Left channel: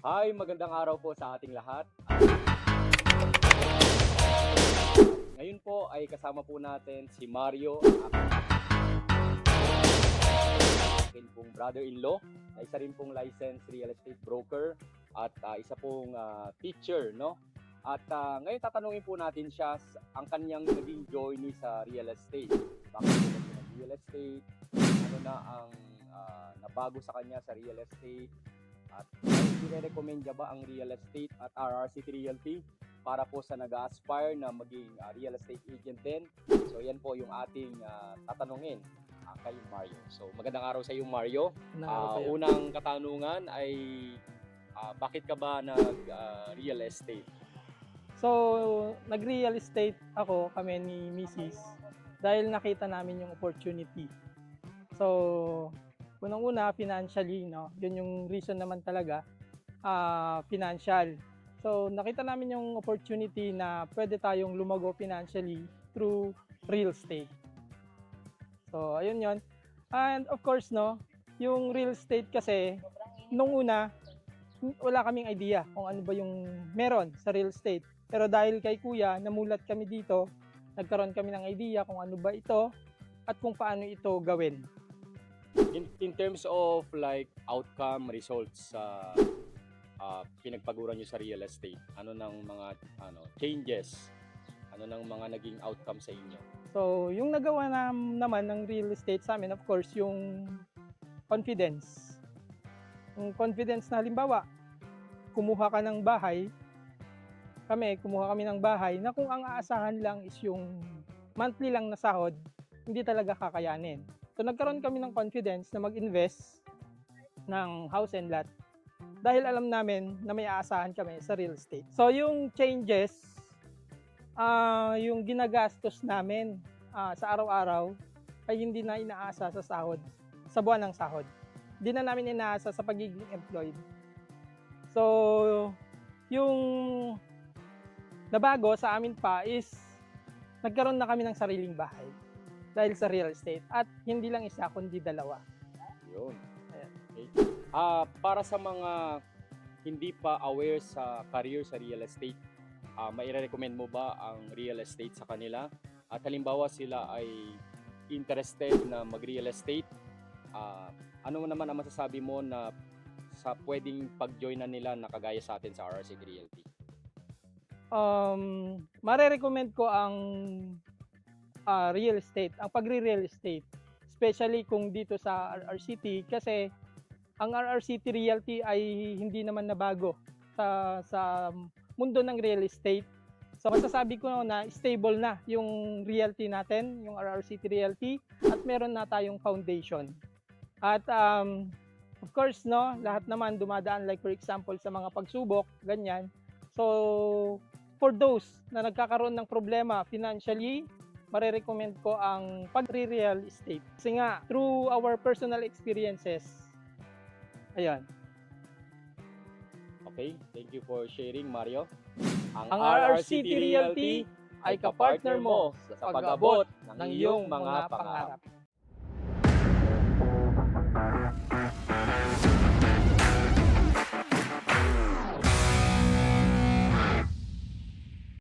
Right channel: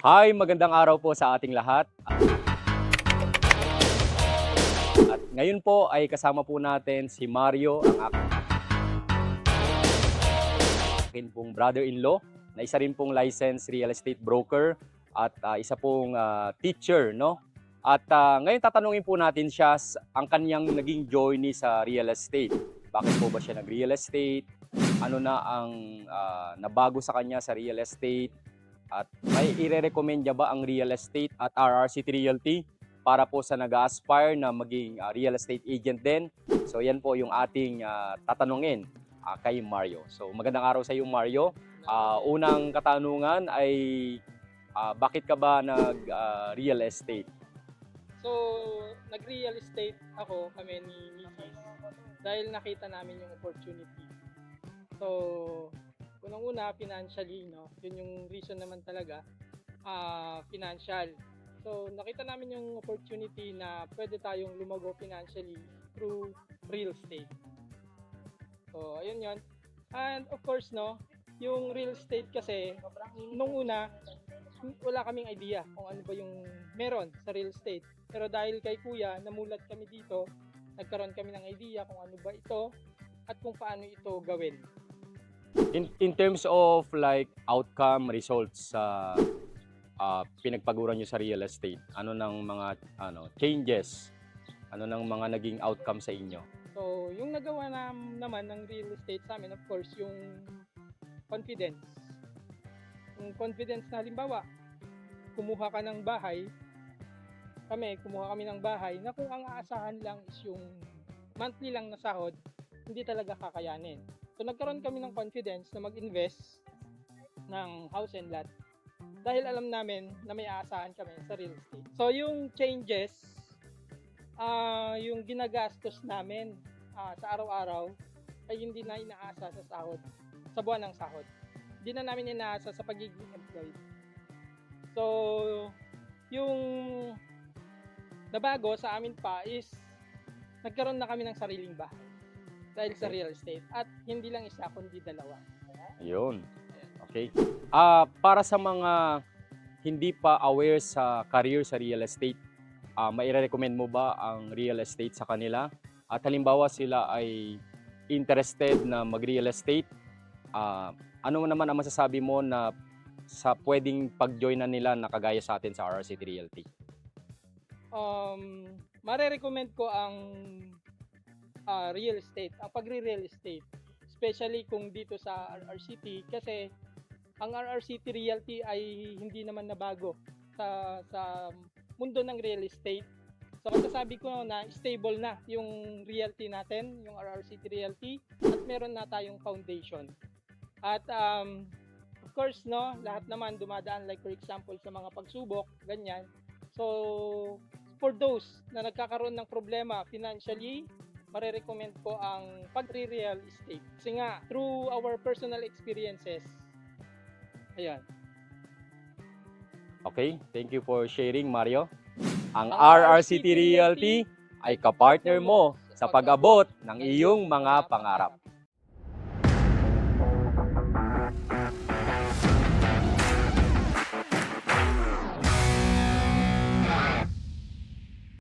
Hi, magandang araw po sa ating lahat. At ngayon po ay kasama po natin si Mario, ang akin pong brother-in-law, na isa rin pong licensed real estate broker at isa pong teacher, no? At ngayon tatanungin po natin siya ang kanyang naging journey sa real estate. Bakit po ba siya nag-real estate? Ano na ang nabago sa kanya sa real estate? At may ire-recommend niya ba ang real estate at RRCT Realty para po sa nag-aspire na maging real estate agent din? So yan po yung ating tatanungin kay Mario. So magandang araw sa iyo, Mario. Unang katanungan ay bakit ka ba nag-real estate? So, nag-real estate kami ni Mrs. dahil nakita namin yung opportunity. So, unang-una, financially, no? Yun yung reason naman talaga, financial. So, nakita namin yung opportunity na pwede tayong lumago financially through real estate. So, ayun yun. And of course, no, yung real estate kasi, nung una, wala kaming idea kung ano ba yung meron sa real estate. Pero dahil kay Kuya, namulat kami dito, nagkaroon kami ng idea kung ano ba ito at kung paano ito gawin. In terms of like outcome, results sa pinagpaguran nyo sa real estate, ano ng mga changes, ano ng mga naging outcome sa inyo? So, yung nagawa naman ng real estate sa amin, of course, yung confidence. Yung confidence na halimbawa, kumuha kami ng bahay na kung ang aasahan lang is yung monthly lang na sahod, hindi talaga kakayanin. So nagkaroon kami ng confidence na mag-invest ng house and lot dahil alam namin na may aasahan kami sa real estate. So yung changes, yung ginagastos namin sa araw-araw ay hindi na inaasa sa sahod, sa buwan ng sahod. Hindi na namin inaasa sa pagiging employed. So yung nabago sa amin pa is nagkaroon na kami ng sariling bahay dahil sa real estate at hindi lang isa kundi dalawa. Yun. Okay. Para sa mga hindi pa aware sa career sa real estate, mai-recommend mo ba ang real estate sa kanila? At halimbawa sila ay interested na mag-real estate, ano naman ang masasabi mo na sa pwedeng pag-join na nila na kagaya sa atin sa RRCT Realty? Mare-recommend ko ang real estate, ang pagre-real estate, especially kung dito sa RRCT kasi ang RRCT Realty ay hindi naman nabago sa mundo ng real estate. So masasabi ko na stable na yung realty natin, yung RRCT Realty, at meron na tayong foundation. At of course, no, lahat naman dumadaan like for example sa mga pagsubok, ganyan. So for those na nagkakaroon ng problema financially, mare-recommend ko ang pag-real estate. Kasi nga, through our personal experiences, ayun. Okay, thank you for sharing, Mario. Ang RRCT Realty ay kapartner mo sa pag-abot ng iyong mga pangarap.